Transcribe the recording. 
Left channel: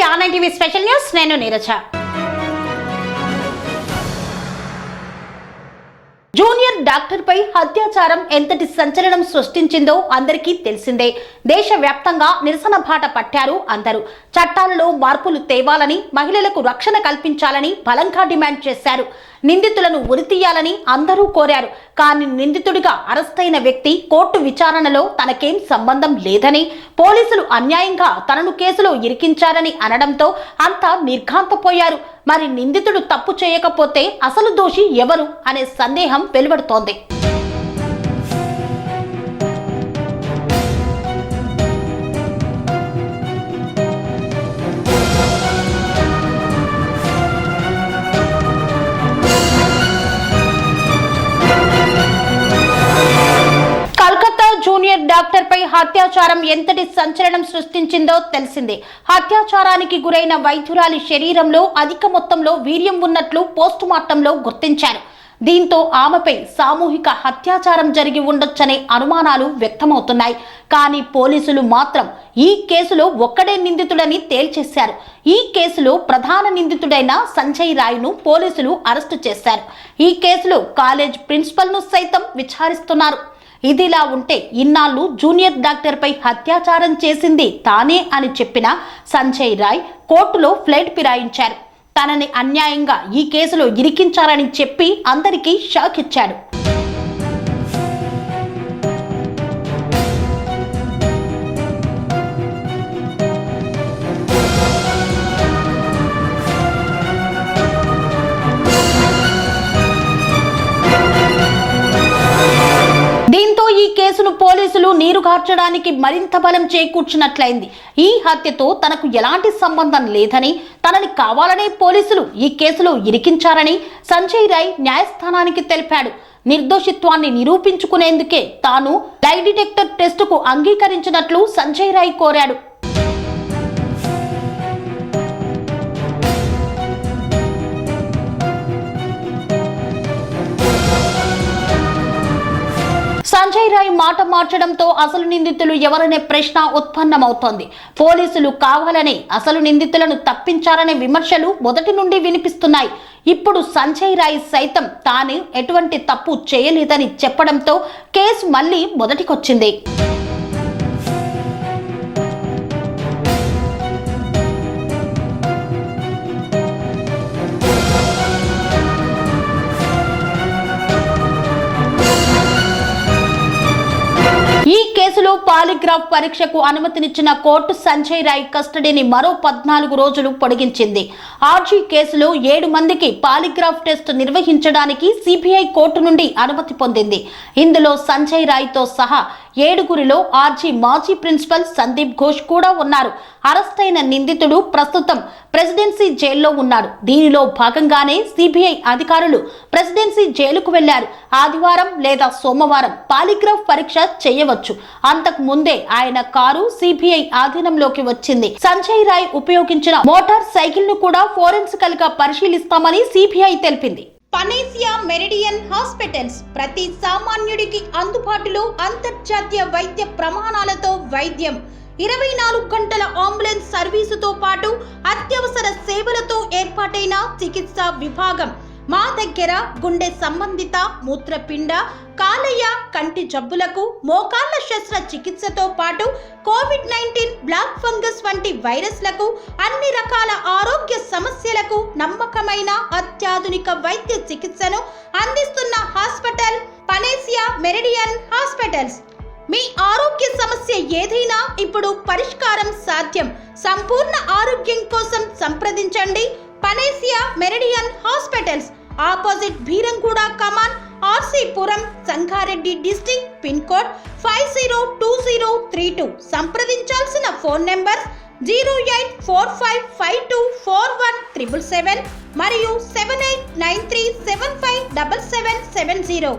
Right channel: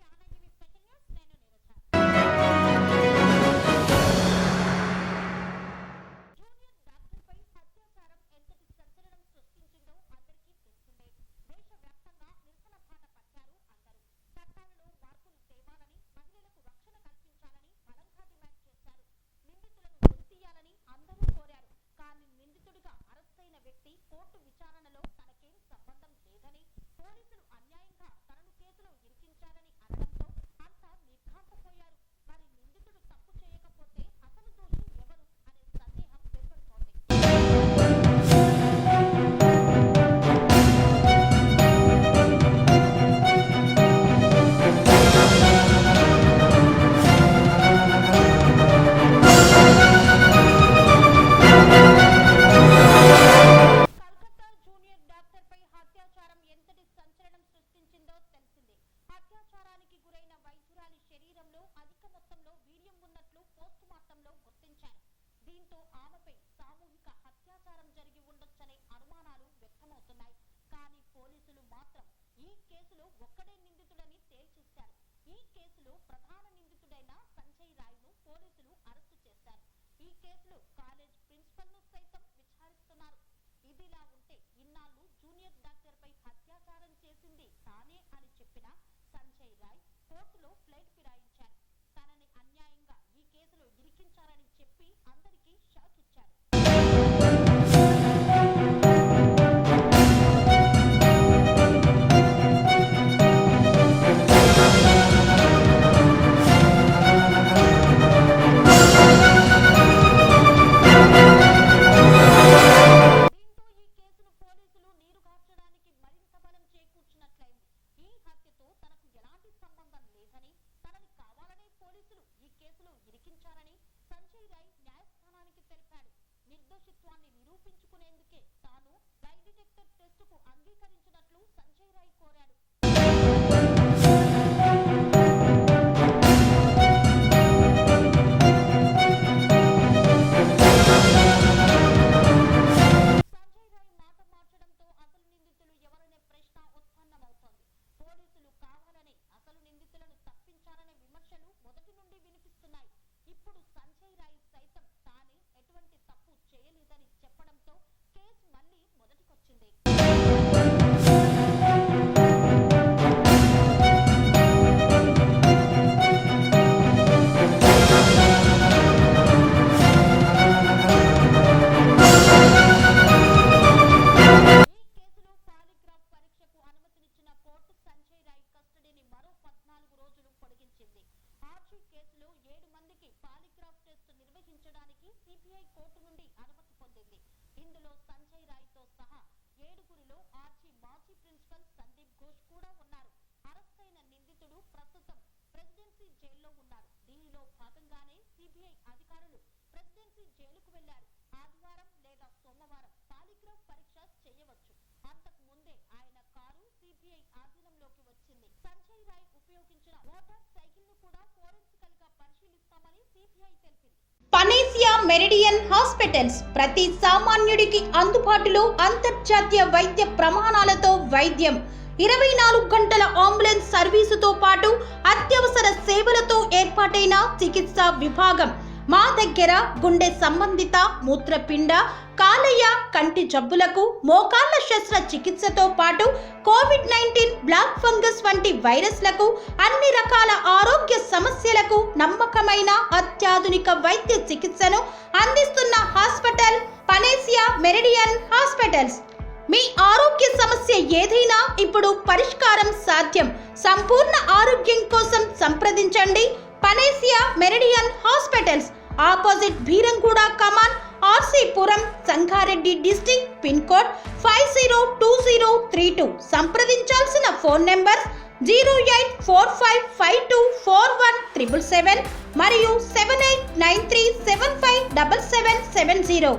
To online TV special news. నేను Neeraja. Junior doctor పై అత్యాచారం ఎంతటి సంచలనం సృష్టించిందో అందరికీ తెలిసిందే. దేశవ్యాప్తంగా నిరసన బాట పట్టారు అందరూ. చట్టాలలో మార్పులు తేవాలని, మహిళలకు రక్షణ కల్పించాలని బలంగా డిమాండ్ చేశారు. నిందితులను ఉరితీయాలని అందరూ కోరారు. కానీ నిందితుడిగా అరెస్టైన వ్యక్తి కోర్టు విచారణలో తనకేం సంబంధం లేదని, పోలీసులు అన్యాయంగా తనను కేసులో ఇరికించారని అనడంతో అంతా నిర్ఘాంతపోయారు. మరి నిందితుడు తప్పు చేయకపోతే అసలు దోషి ఎవరు అనే సందేహం వెలువడుతోంది. జూనియర్ డాక్టర్ పై అత్యాచారం ఎంతటి సంచలనం సృష్టించిందో తెలిసిందే. అత్యాచారానికి గురైన వైద్యురాలి శరీరంలో అధిక మొత్తంలో వీర్యం ఉన్నట్లు పోస్ట్ మార్టంలో గుర్తించారు. దీంతో ఆమెపై సామూహిక అత్యాచారం జరిగి ఉండొచ్చనే అనుమానాలు వ్యక్తమవుతున్నాయి. కానీ పోలీసులు మాత్రం ఈ కేసులో ఒక్కడే నిందితుడని తేల్చేశారు. ఈ కేసులో ప్రధాన నిందితుడైన సంజయ్ రాయ్ను పోలీసులు అరెస్టు చేశారు. ఈ కేసులో కాలేజ్ ప్రిన్సిపల్ను సైతం విచారిస్తున్నారు. ఇదిలా ఉంటే ఇన్నాళ్ళు జూనియర్ డాక్టర్ పై అత్యాచారం చేసింది తానే అని చెప్పిన సంజయ్ రాయ్ కోర్టులో ఫ్లైట్ ఫిరాయించారు. తనని అన్యాయంగా ఈ కేసులో ఇరికించారని చెప్పి అందరికీ షాక్ ఇచ్చాడు. పోలీసులు నీరుగార్చడానికి మరింత బలం చేకూర్చినట్లయింది. ఈ హత్యతో తనకు ఎలాంటి సంబంధం లేదని, తనని కావాలనే పోలీసులు ఈ కేసులో ఇరికించారని సంజయ్ రాయ్ న్యాయస్థానానికి తెలిపాడు. నిర్దోషిత్వాన్ని నిరూపించుకునేందుకే తాను లై డిటెక్టర్ టెస్టుకు అంగీకరించినట్లు సంజయ్ రాయ్ కోరాడు. సంజయ్ రాయ్ మాట మార్చడంతో అసలు నిందితులు ఎవరనే ప్రశ్న ఉత్పన్నమవుతోంది. పోలీసులు కావాలనే అసలు నిందితులను తప్పించారనే విమర్శలు మొదటి నుండి వినిపిస్తున్నాయి. ఇప్పుడు సంజయ్ రాయ్ సైతం తాను ఎటువంటి తప్పు చేయలేదని చెప్పడంతో కేసు మళ్ళీ మొదటికొచ్చింది. పాలిగ్రాఫ్ పరీక్షకు అనుమతినిచ్చిన కోర్టు సంజయ్ రాయ్ కస్టడీని మరో 14 రోజులు పొడిగించింది. ఆర్జీ కేసులో 7 మందికి పాలిగ్రాఫ్ టెస్ట్ నిర్వహించడానికి సిబిఐ కోర్టు నుండి అనుమతి పొందింది. ఇందులో సంజయ్ రాయ్తో సహా 7గురిలో ఆర్జీ మాజీ ప్రిన్సిపల్ సందీప్ ఘోష్ కూడా ఉన్నారు. అరెస్టైన నిందితుడు ప్రస్తుతం ప్రెసిడెన్సీ జైల్లో ఉన్నాడు. దీనిలో భాగంగానే సిబిఐ అధికారులు ప్రెసిడెన్సీ జైలుకు వెళ్లారు. ఆదివారం లేదా సోమవారం పాలిగ్రాఫ్ పరీక్ష చేయవచ్చు. అంతకు ముందే ఆయన కారు సిబిఐ ఆధీనంలోకి వచ్చింది. సంజయ్ రాయ్ ఉపయోగించిన మోటార్ సైకిల్ ను కూడా ఫోరెన్సికల్ గా పరిశీలిస్తామని సిబిఐ తెలిపింది. పనేసియా మెరిడియన్ హాస్పిటల్స్ ప్రతి సామాన్యుడికి అందుబాటులో అంతర్జాతీయ వైద్య ప్రమాణాలతో వైద్యం, 24 గంటల అంబులెన్స్ సర్వీసుతో పాటు అత్యవసర సేవలతో ఏర్పాటైన చికిత్సా విభాగం. మా దగ్గర గుండె సంబంధిత, మూత్రపిండ, కాలేయ, కంటి జబ్బులకు, మోకాళ్ల శస్త్ర చికిత్సతో పాటు కోవిడ్-19, బ్లాక్ ఫంగస్ వంటి వైరస్లకు, అన్ని రకాల ఆరోగ్య సమస్యలకు నమ్మకమైన అత్యాధునిక వైద్య చికిత్సను అందిస్తున్న హాస్పిటల్ పనేసియా మెరిడియన్ హాస్పిటల్స్. మీ ఆరోగ్య సమస్య ఏదైనా ఇప్పుడు పరిష్కారం సాధ్యం. సంపూర్ణ ఆరోగ్యం కోసం సంప్రదించండి Panacea Meridian hospitals. Opposite Bheeramguda Kaman, RC Puram, Sangareddy district. Pin code 502032. సంప్రదించాల్సిన ఫోన్ నెంబర్ 0845524177 మరియు 7893757770.